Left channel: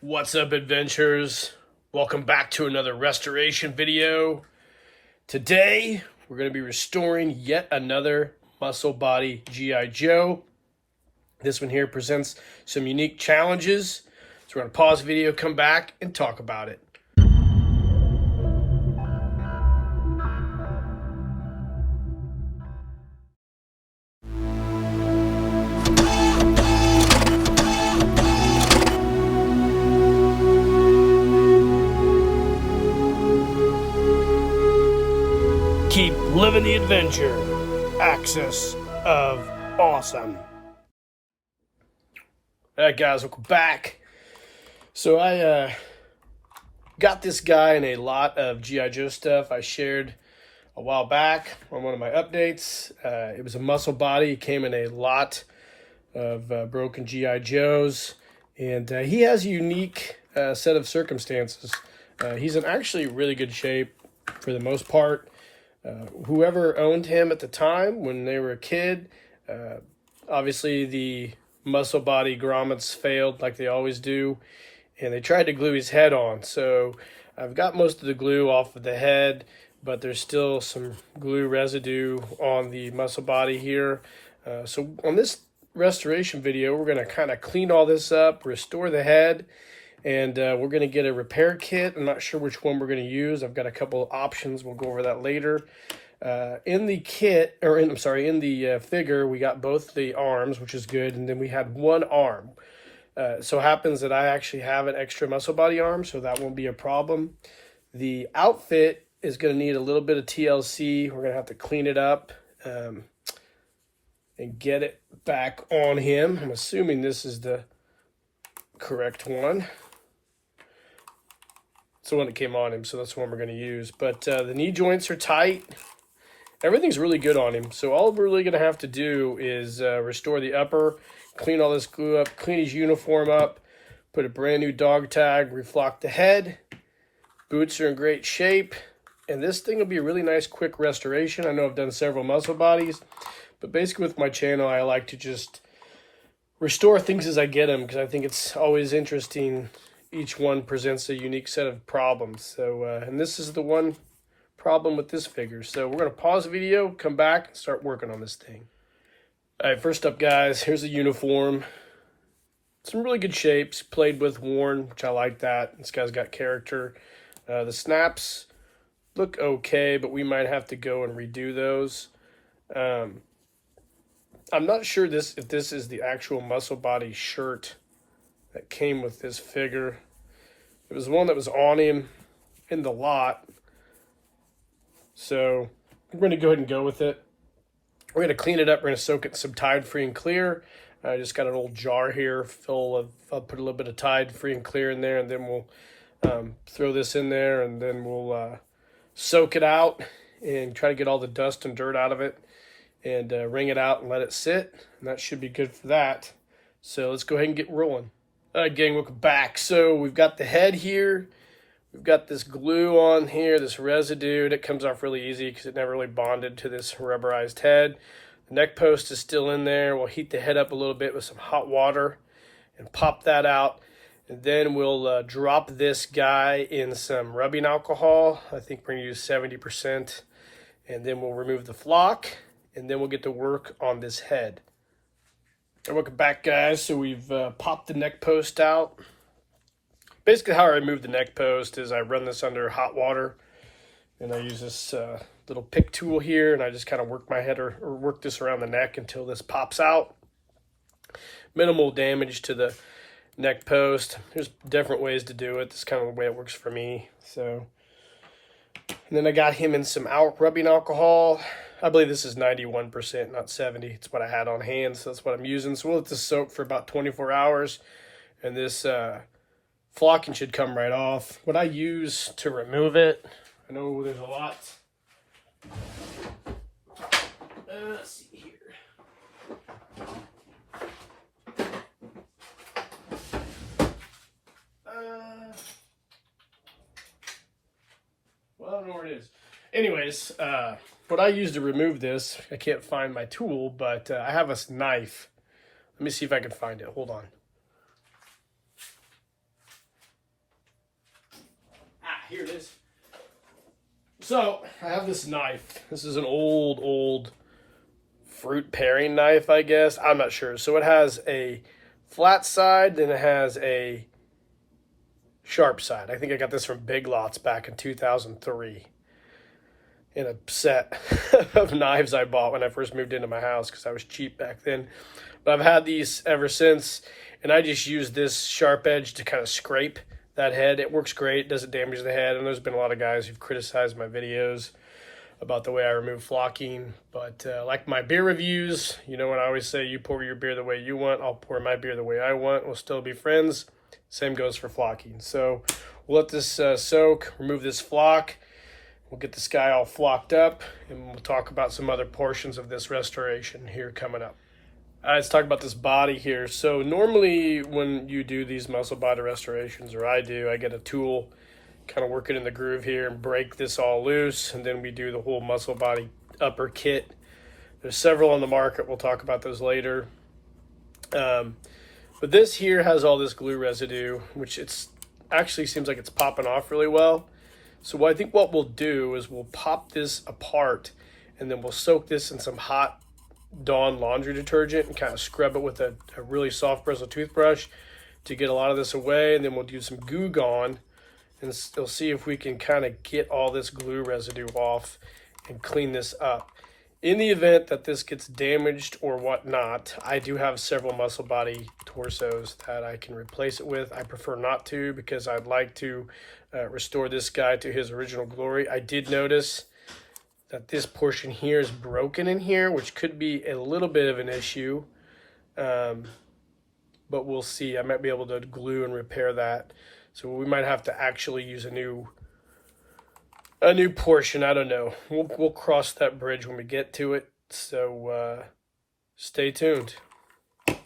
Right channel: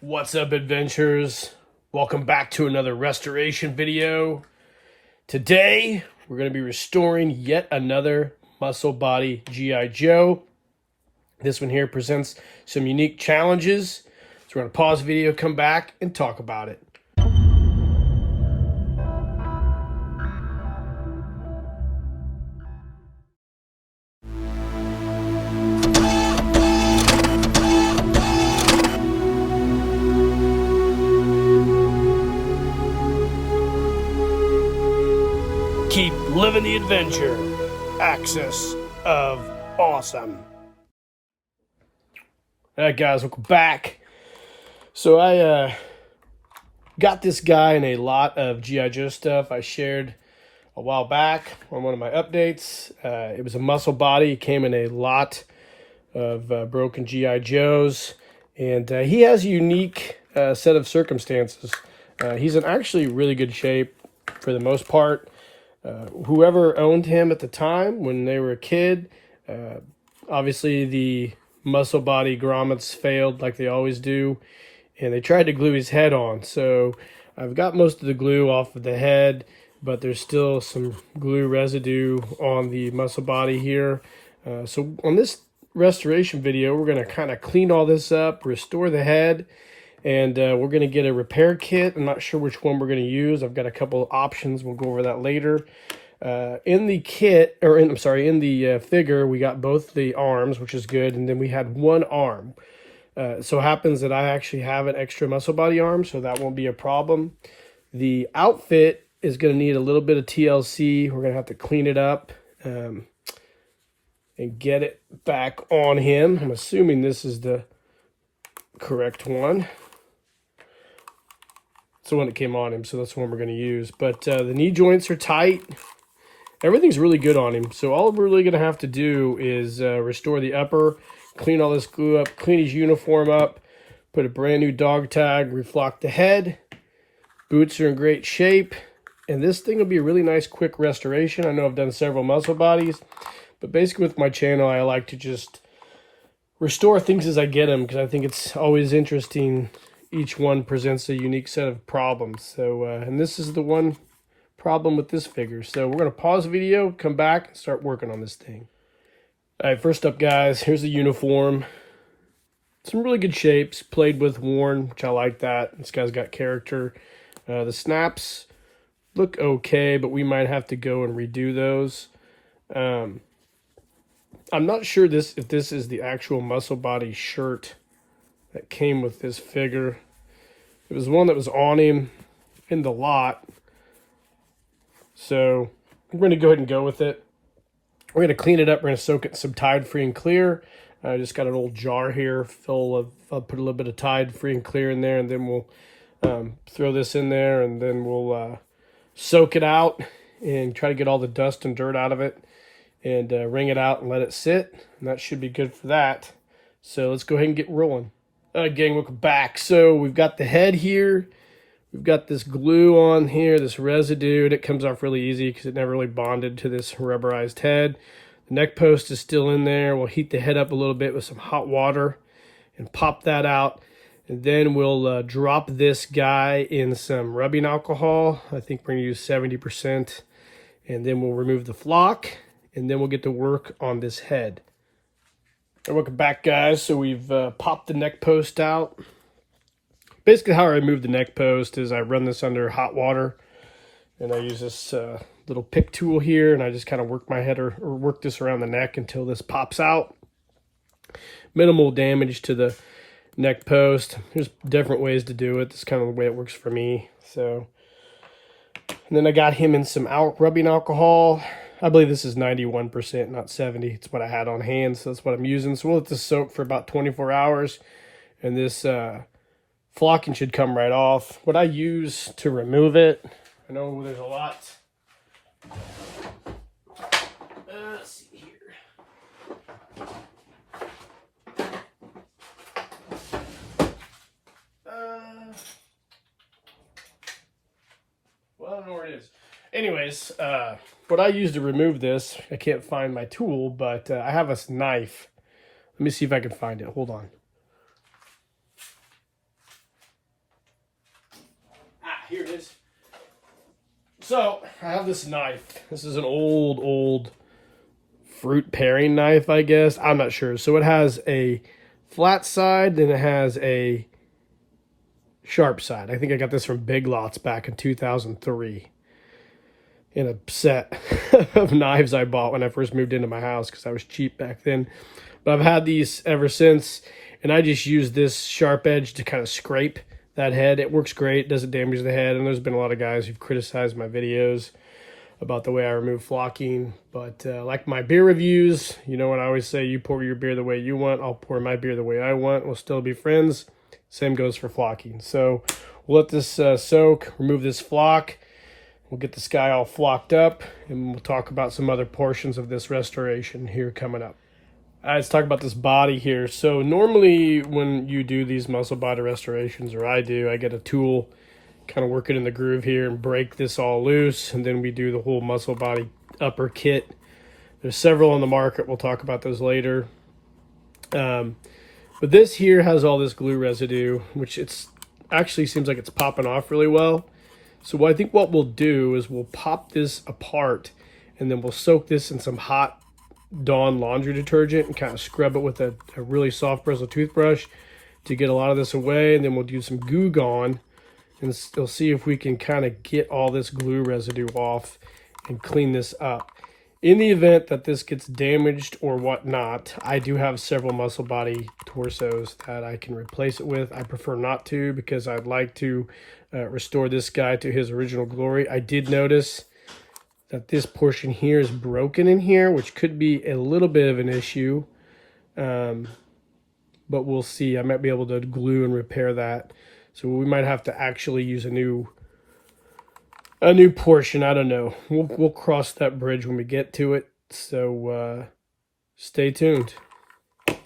What's up, adventurers? Welcome back to another restoration video. Today we're going to be restoring yet another muscle body G.I. Joe. This one here presents some unique challenges, so we're going to pause the video, come back and talk about it. Keep living the adventure. Axis of awesome. Alright guys, welcome back. So I got this guy in a lot of G.I. Joe stuff I shared a while back on one of my updates. It was a muscle body. It came in a lot of broken G.I. Joes. And he has a unique set of circumstances. He's in actually really good shape for the most part. Whoever owned him at the time when they were a kid, obviously the muscle body grommets failed like they always do, and they tried to glue his head on. So I've got most of the glue off of the head, but there's still some glue residue on the muscle body here. So on this restoration video, we're going to kind of clean all this up, restore the head, and we're going to get a repair kit. I'm not sure which one we're going to use. I've got a couple of options. We'll go over that later. In the kit, or in the figure, we got both the arms, which is good, and then we had one arm. So happens that I actually have an extra muscle body arm, so that won't be a problem. The outfit is going to need a little bit of TLC. We're going to have to clean it up and get it back on him. I'm assuming this is the correct one. It's the one that came on him, so that's the one we're going to use. But the knee joints are tight. Everything's really good on him. So all we're really going to have to do is restore the upper, clean all this glue up, clean his uniform up, put a brand new dog tag, reflock the head. Boots are in great shape. And this thing will be a really nice quick restoration. I know I've done several muscle bodies, but basically with my channel, I like to just restore things as I get them, because I think it's always interesting. Each one presents a unique set of problems. So, and this is the one problem with this figure. So we're going to pause the video, come back, and start working on this thing. All right, first up, guys, here's the uniform. Some really good shapes, played with, worn, which I like that. This guy's got character. The snaps look okay, but we might have to go and redo those. I'm not sure if this is the actual muscle body shirt that came with this figure. It was one that was on him in the lot. So we're going to go ahead and go with it. We're going to clean it up. We're going to soak it in some Tide Free and Clear. I just got an old jar here full of, I'll put a little bit of Tide Free and Clear in there, and then we'll throw this in there, and then we'll soak it out and try to get all the dust and dirt out of it, and wring it out and let it sit, and that should be good for that. So let's go ahead and get rolling. All right, gang, welcome back. So we've got the head here. We've got this glue on here, this residue, and it comes off really easy because it never really bonded to this rubberized head. The neck post is still in there. We'll heat the head up a little bit with some hot water and pop that out. And then we'll drop this guy in some rubbing alcohol. I think we're going to use 70%. And then we'll remove the flock, and then we'll get to work on this head. Welcome back, guys. So we've popped the neck post out. Basically how I remove the neck post is I run this under hot water, and I use this little pick tool here, and I just kind of work my head or work this around the neck until this pops out. Minimal damage to the neck post. There's different ways to do it. This is kind of the way it works for me. So, and then I got him in some rubbing alcohol. I believe this is 91%, not 70. It's what I had on hand, so that's what I'm using. So we'll let this soak for about 24 hours, and this flocking should come right off. What I use to remove it, I know there's a lot. Let's see here. Well, I don't know where it is. Anyways, what I use to remove this, I can't find my tool, but I have a knife. Let me see if I can find it. Hold on. here it is. So I have this knife. This is an old fruit paring knife, I guess. I'm not sure. So it has a flat side, then it has a sharp side. I think I got this from Big Lots back in 2003 in a set of knives I bought when I first moved into my house because I was cheap back then. But I've had these ever since, and I just use this sharp edge to kind of scrape that head. It works great, doesn't damage the head, and there's been a lot of guys who've criticized my videos about the way I remove flocking. But like my beer reviews, you know what I always say, you pour your beer the way you want, I'll pour my beer the way I want, we'll still be friends. Same goes for flocking. So we'll let this soak, remove this flock, we'll get this guy all flocked up, and we'll talk about some other portions of this restoration here coming up. Let's talk about this body here. So normally when you do these muscle body restorations, or I do, I get a tool, kind of work it in the groove here and break this all loose, and then we do the whole muscle body upper kit. There's several on the market. We'll talk about those later. But this here has all this glue residue, which it's actually seems like it's popping off really well. So I think what we'll do is we'll pop this apart, and then we'll soak this in some hot Dawn laundry detergent and kind of scrub it with a really soft bristle toothbrush to get a lot of this away. And then we'll do some Goo Gone, and we'll see if we can kind of get all this glue residue off and clean this up. In the event that this gets damaged or whatnot, I do have several muscle body torsos that I can replace it with. I prefer not to because I'd like to restore this guy to his original glory. I did notice that this portion here is broken in here, which could be a little bit of an issue. But we'll see. I might be able to glue and repair that. So we might have to actually use a new portion. I don't know. We'll cross that bridge when we get to it. So stay tuned. All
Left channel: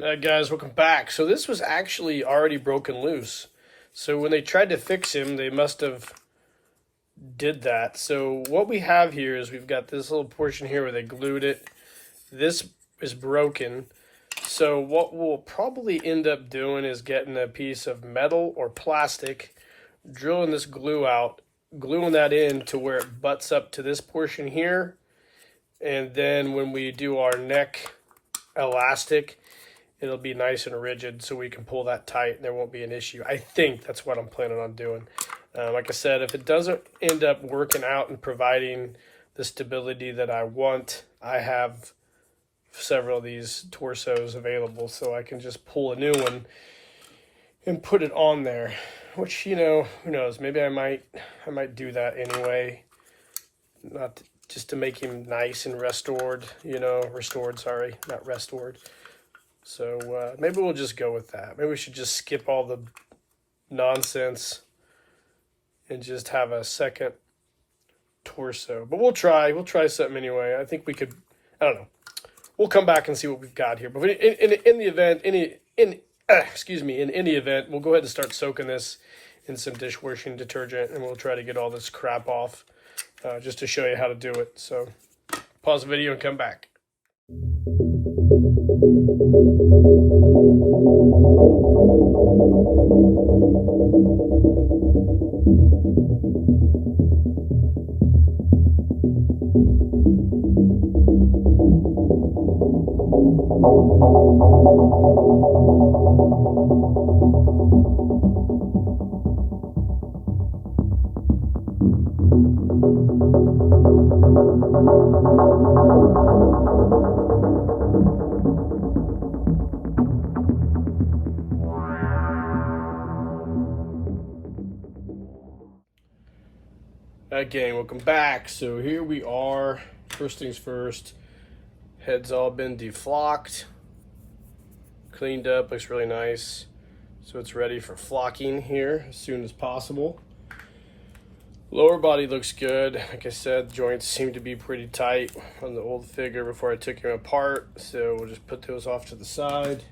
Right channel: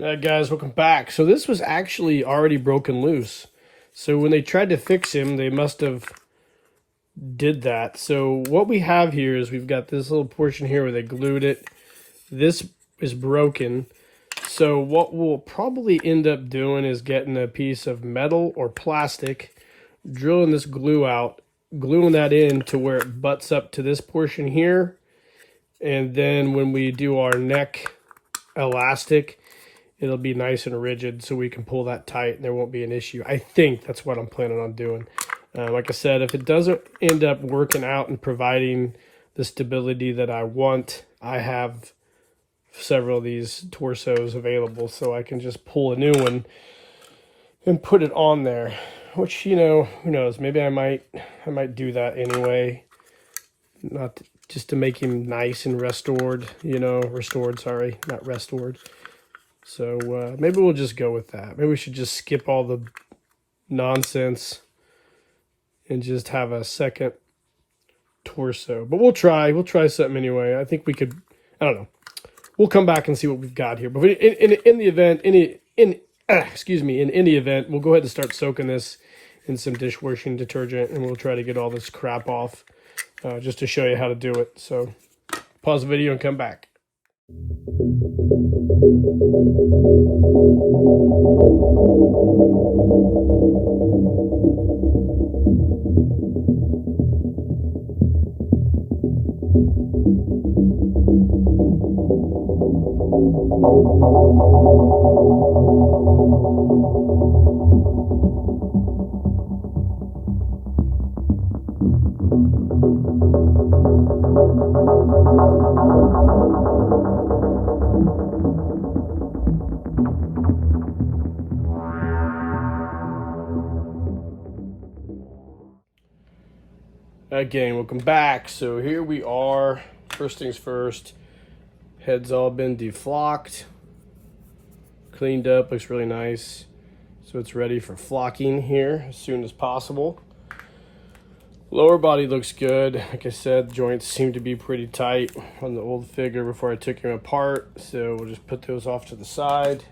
right, guys, welcome back. So this was actually already broken loose. So when they tried to fix him, they must have did that. So what we have here is we've got this little portion here where they glued it. This is broken. So what we'll probably end up doing is getting a piece of metal or plastic, drilling this glue out, gluing that in to where it butts up to this portion here. And then when we do our neck elastic, it'll be nice and rigid so we can pull that tight and there won't be an issue. I think that's what I'm planning on doing. Like I said, if it doesn't end up working out and providing the stability that I want, I have several of these torsos available, so I can just pull a new one and put it on there. Which, you know, who knows? Maybe I might do that anyway, not just to make him nice and restored. You know, restored. Sorry, not restored. So maybe we'll just go with that. Maybe we should just skip all the nonsense and just have a second torso. But we'll try something anyway. I think we could, I don't know. We'll come back and see what we've got here. But in the event, in any event, we'll go ahead and start soaking this in some dishwashing detergent, and we'll try to get all this crap off just to show you how to do it. So pause the video and come back. Again, welcome back. So here we are. First things first, head's all been deflocked, cleaned up, looks really nice. So it's ready for flocking here as soon as possible. Lower body looks good. Like I said, the joints seem to be pretty tight on the old figure before I took him apart. So we'll just put those off to the side.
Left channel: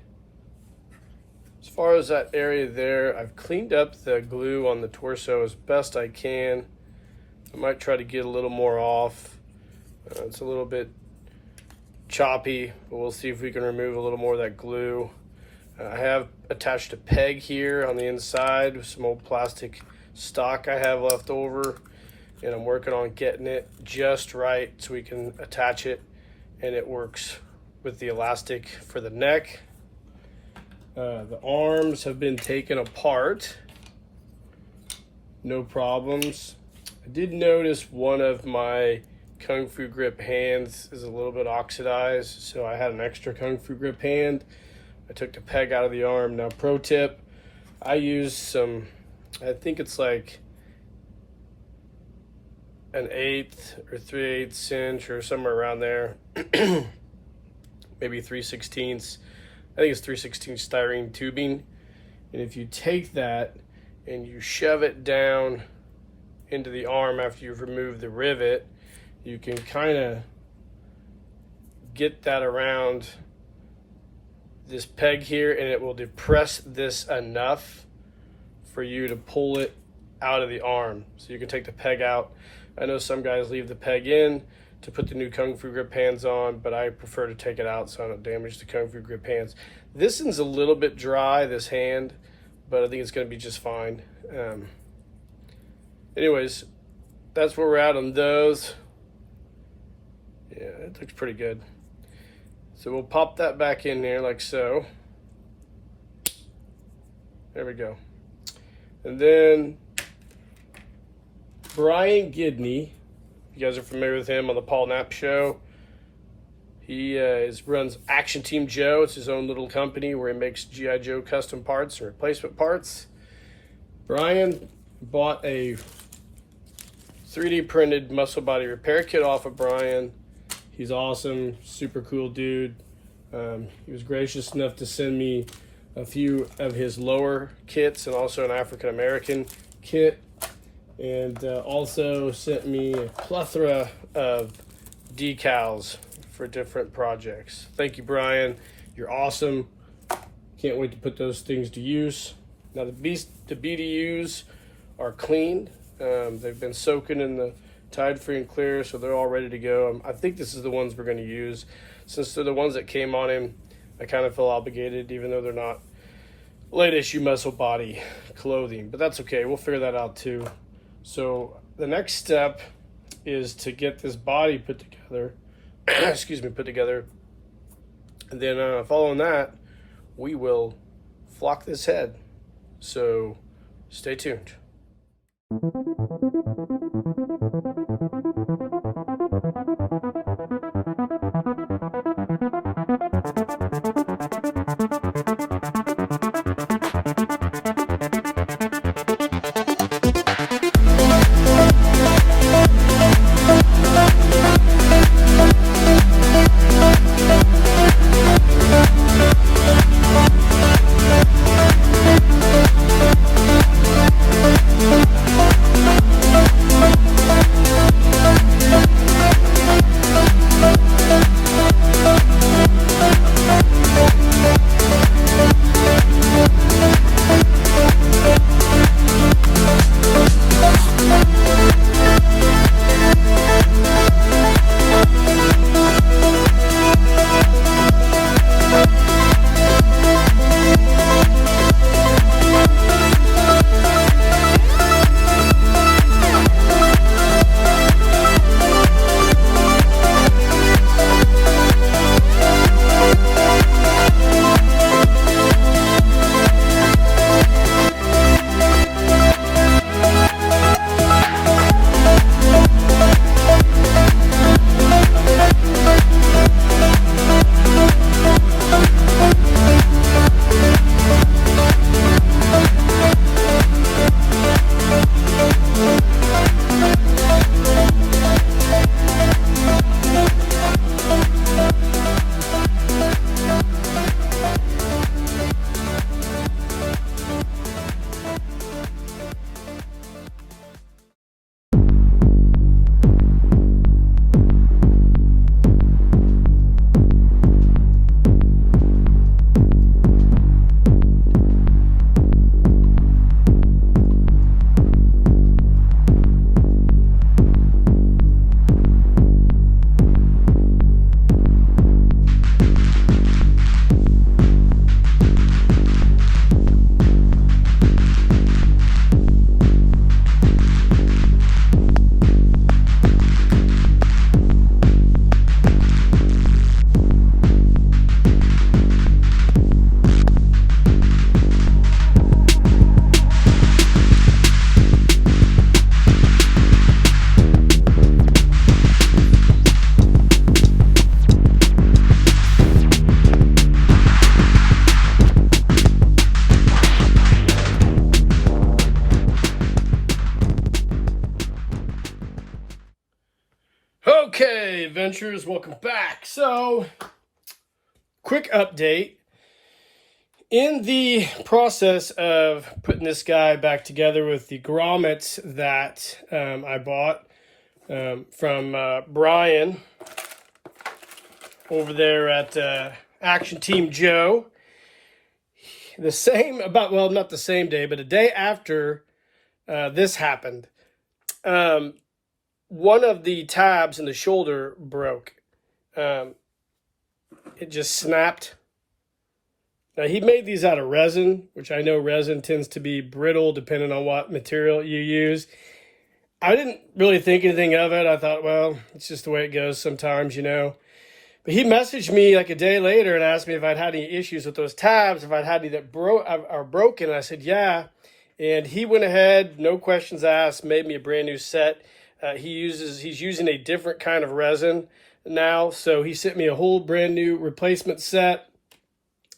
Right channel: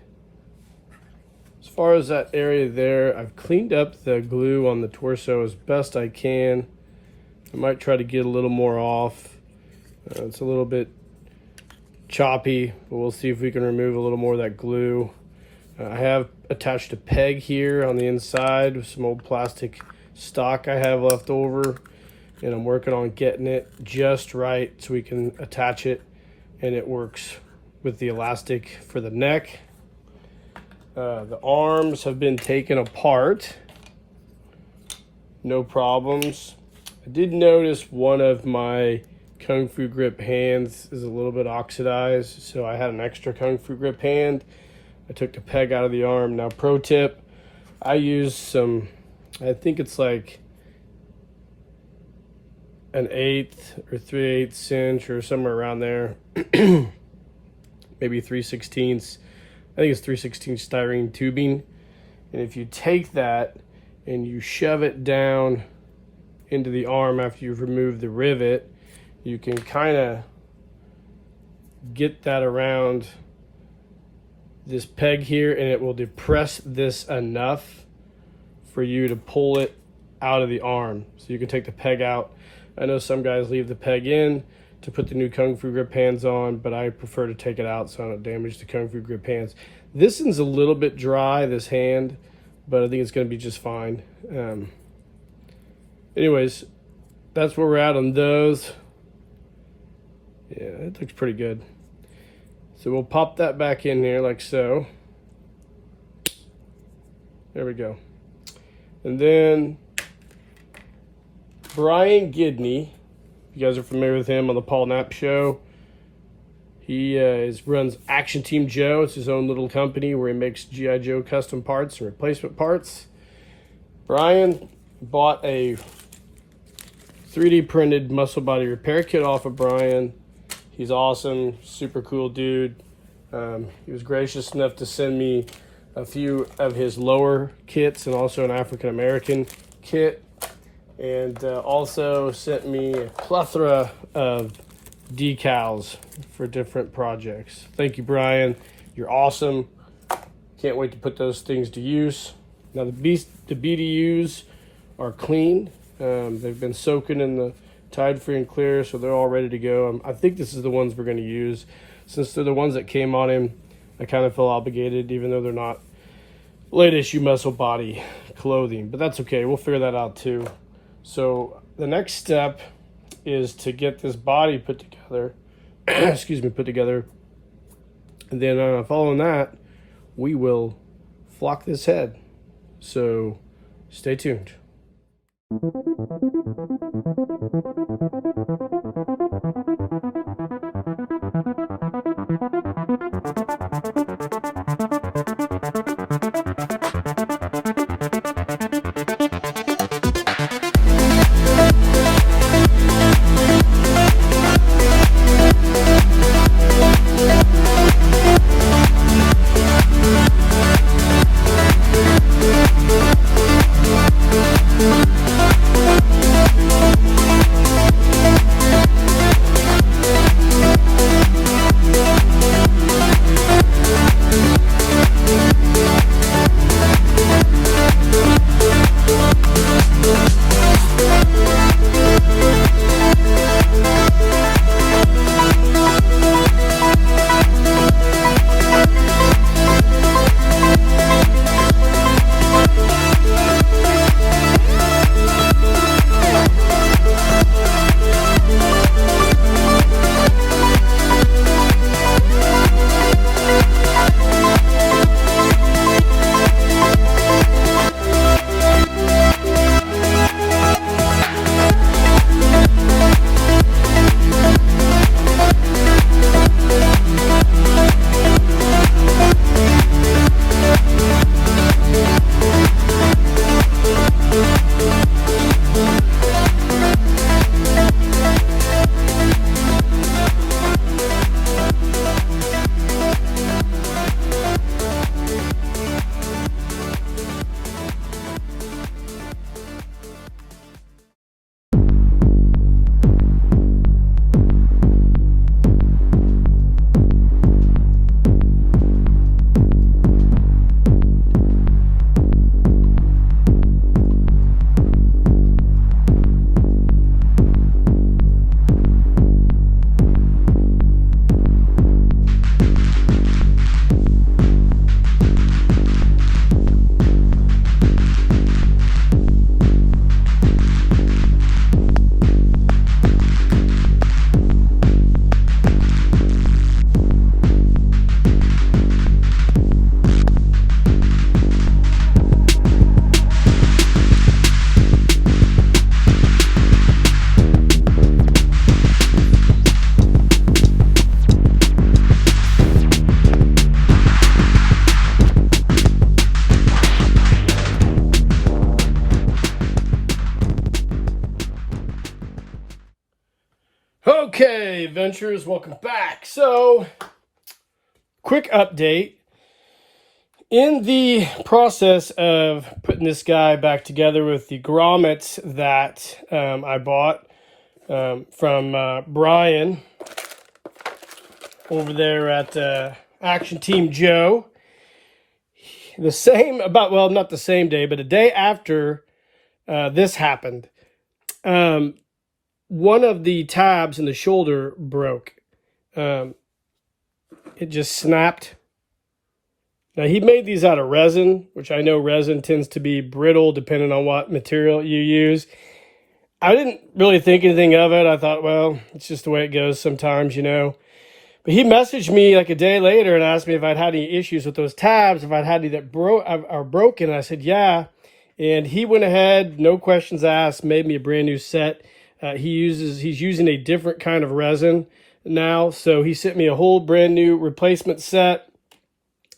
As far as that area there, I've cleaned up the glue on the torso as best I can. I might try to get a little more off. It's a little bit choppy, but we'll see if we can remove a little more of that glue. I have attached a peg here on the inside with some old plastic stock I have left over, and I'm working on getting it just right so we can attach it and it works with the elastic for the neck. The arms have been taken apart, no problems. I did notice one of my Kung Fu grip hands is a little bit oxidized, so I had an extra Kung Fu grip hand. I took the peg out of the arm. Now, pro tip, I used some, I think it's like an 1/8 or 3/8 inch or somewhere around there, maybe 3/16. I think it's 3/16 styrene tubing. And if you take that and you shove it down into the arm after you've removed the rivet, you can kind of get that around this peg here, and it will depress this enough for you to pull it out of the arm. So you can take the peg out. I know some guys leave the peg in to put the new Kung Fu grip hands on, but I prefer to take it out so I don't damage the Kung Fu grip hands. This one's a little bit dry, this hand, but I think it's going to be just fine. Anyways, that's where we're at on those. Yeah, it looks pretty good. So we'll pop that back in here like so. There we go. And then Brian Gidney, you guys are familiar with him on the Paul Knapp Show. He runs Action Team Joe. It's his own little company where he makes G.I. Joe custom parts and replacement parts. Brian bought a 3D printed muscle body repair kit off of Brian. He's awesome, super cool dude. He was gracious enough to send me a few of his lower kits and also an African American kit, and also sent me a plethora of decals for different projects. Thank you, Brian. You're awesome. Can't wait to put those things to use. Now the BDUs are clean. They've been soaking in the Tide Free and Clear, so they're all ready to go. I think this is the ones we're going to use. Since they're the ones that came on him, I kind of feel obligated, even though they're not late issue muscle body clothing. But that's okay. We'll figure that out too. So the next step is to get this body put together. Excuse me, put together. And then following that, we will flock this head. So stay tuned. Adventurers, welcome back. So, quick update. In the process of putting this guy back together with the grommets that I bought from Brian over there at Action Team Joe, not the same day, but a day after this happened, one of the tabs in the shoulder broke. It just snapped. Now, he made these out of resin, which I know resin tends to be brittle depending on what material you use. I didn't really think anything of it. I thought, well, it's just the way it goes sometimes, you know. But he messaged me like a day later and asked me if I'd had any issues with those tabs, if I'd had any that are broken. And I said, yeah. And he went ahead, no questions asked, made me a brand new set. He's using a different kind of resin now. So he sent me a whole brand new replacement set.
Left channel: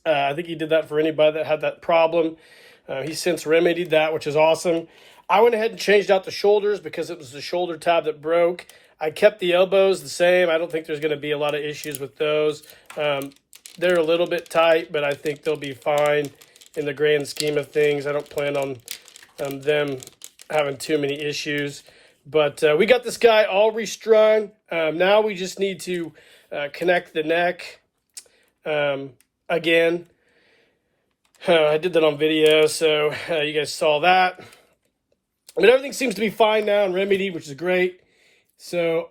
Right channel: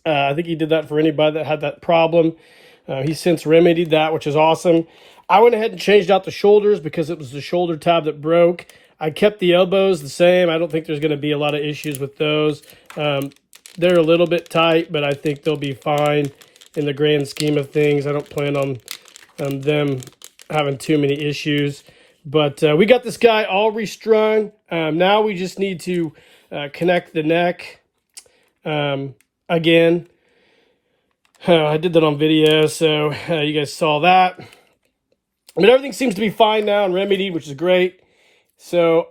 I think he did that for anybody that had that problem. He since remedied that, which is awesome. I went ahead and changed out the shoulders because it was the shoulder tab that broke. I kept the elbows the same. I don't think there's going to be a lot of issues with those. They're a little bit tight, but I think they'll be fine in the grand scheme of things. I don't plan on them having too many issues. But we got this guy all restrung. Now we just need to connect the neck again. I did that on video, so you guys saw that. I mean, everything seems to be fine now and remedied, which is great. So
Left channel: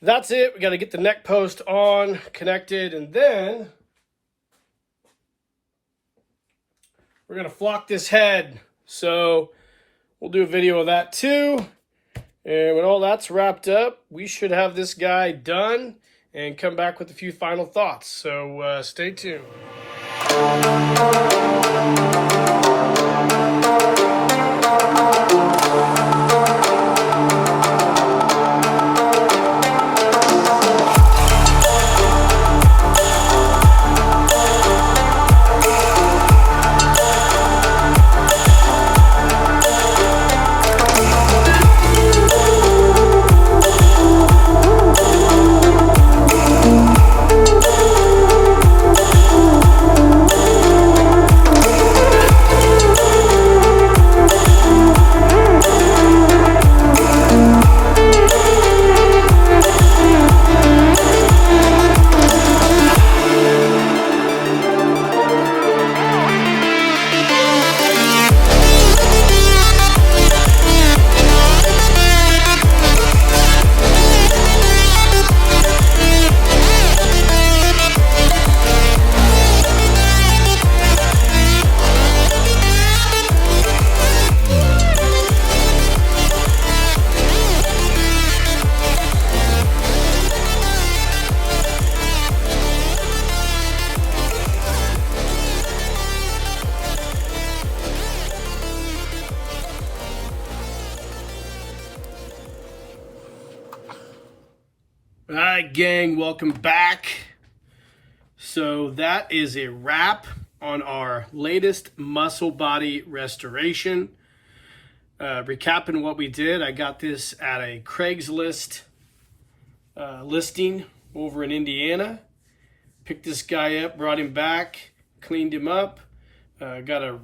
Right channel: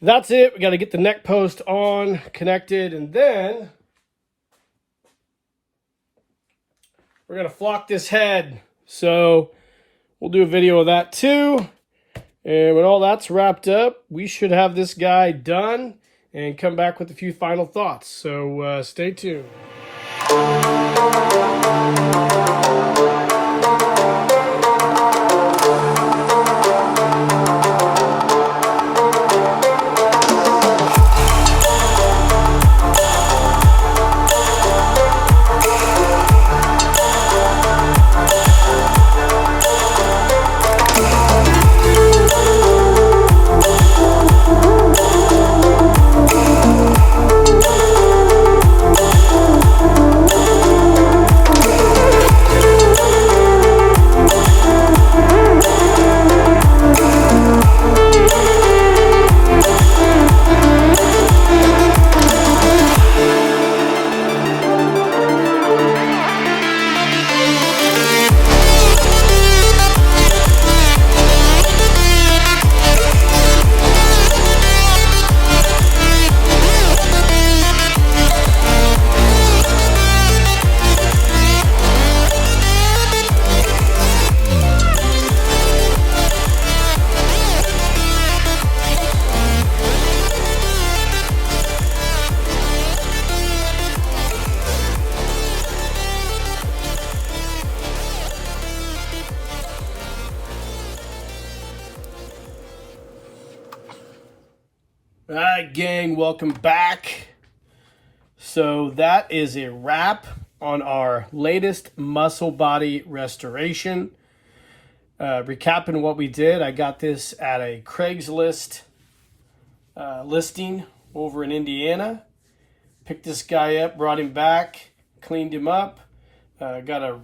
that's it. We got to get the neck post on, connected, and then we're going to flock this head. So we'll do a video of that too. And when all that's wrapped up, we should have this guy done and come back with a few final thoughts. So stay tuned. All right, gang, welcome back. So that is a wrap on our latest muscle body restoration. Recapping what we did, I got this at a Craigslist listing over in Indiana. Picked this guy up, brought him back, cleaned him up. Got a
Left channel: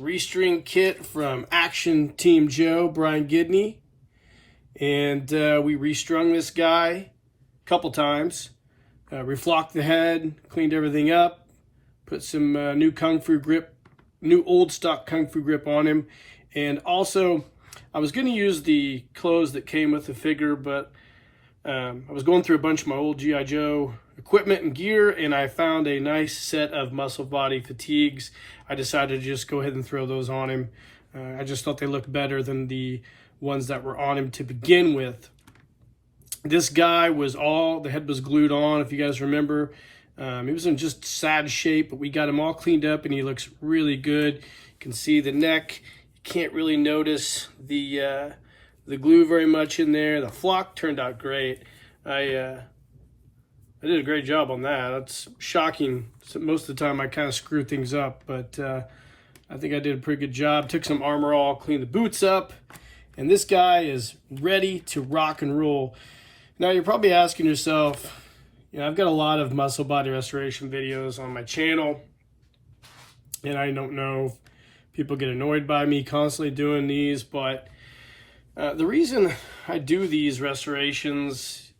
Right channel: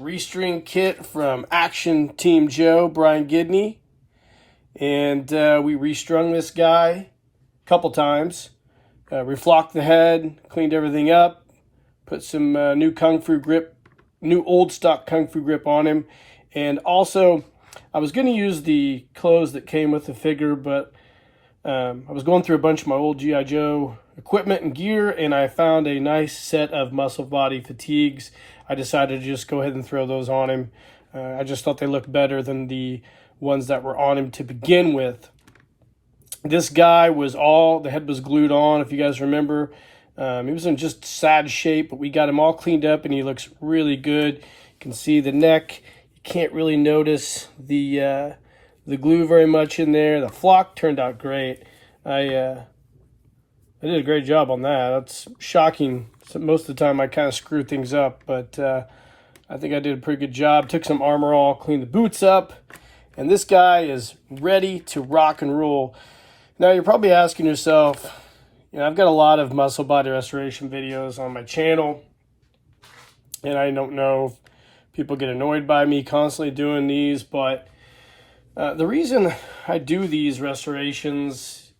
restring kit from Action Team Joe, Brian Gidney. And we restrung this guy couple times, reflocked the head, cleaned everything up, put some new old stock Kung Fu grip on him, and also I was going to use the clothes that came with the figure, but I was going through a bunch of my old G.I. Joe equipment and gear, and I found a nice set of muscle body fatigues. I decided to just go ahead and throw those on him. I just thought they looked better than the ones that were on him to begin with. This guy the head was glued on, if you guys remember. He was in just sad shape, but we got him all cleaned up and he looks really good. You can see the neck. You can't really notice the glue very much in there. The flock turned out great. I did a great job on that. That's shocking. Most of the time I kind of screw things up, but I think I did a pretty good job. Took some Armor All, cleaned the boots up, and this guy is ready to rock and roll. Now you're probably asking yourself, I've got a lot of muscle body restoration videos on my channel, and I don't know if people get annoyed by me constantly doing these, but the reason I do these restorations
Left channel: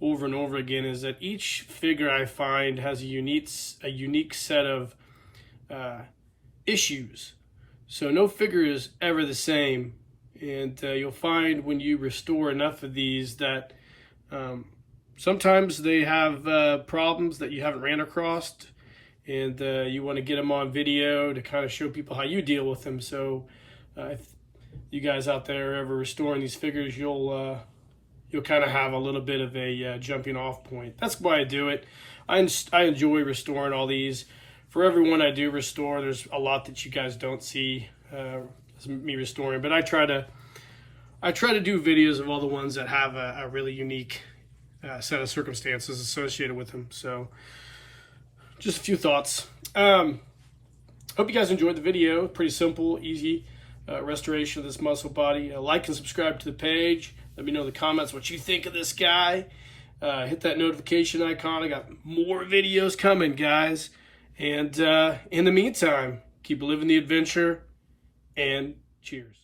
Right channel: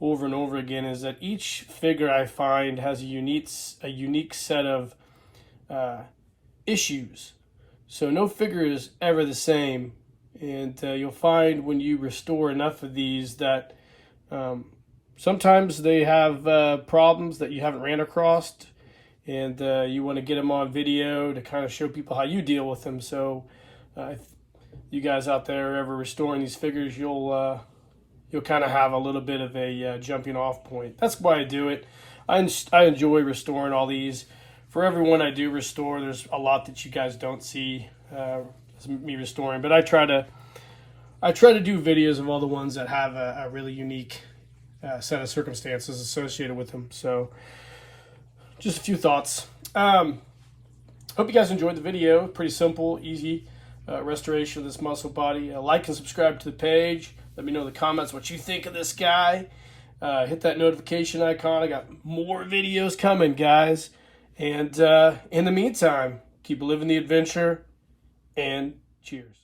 over and over again is that each figure I find has a unique set of issues. So no figure is ever the same, and you'll find when you restore enough of these that sometimes they have problems that you haven't ran across, and you want to get them on video to kind of show people how you deal with them. So if you guys out there are ever restoring these figures, you'll kind of have a little bit of a jumping off point. That's why I do it. I enjoy restoring all these. For everyone I do restore, there's a lot that you guys don't see me restoring, but I try to do videos of all the ones that have a really unique set of circumstances associated with them. So just a few thoughts. Hope you guys enjoyed the video. Pretty simple, easy restoration of this muscle body. Like and subscribe to the page. Let me know in the comments what you think of this guy. Hit that notification icon. I got more videos coming, guys. And in the meantime, keep living the adventure, and cheers.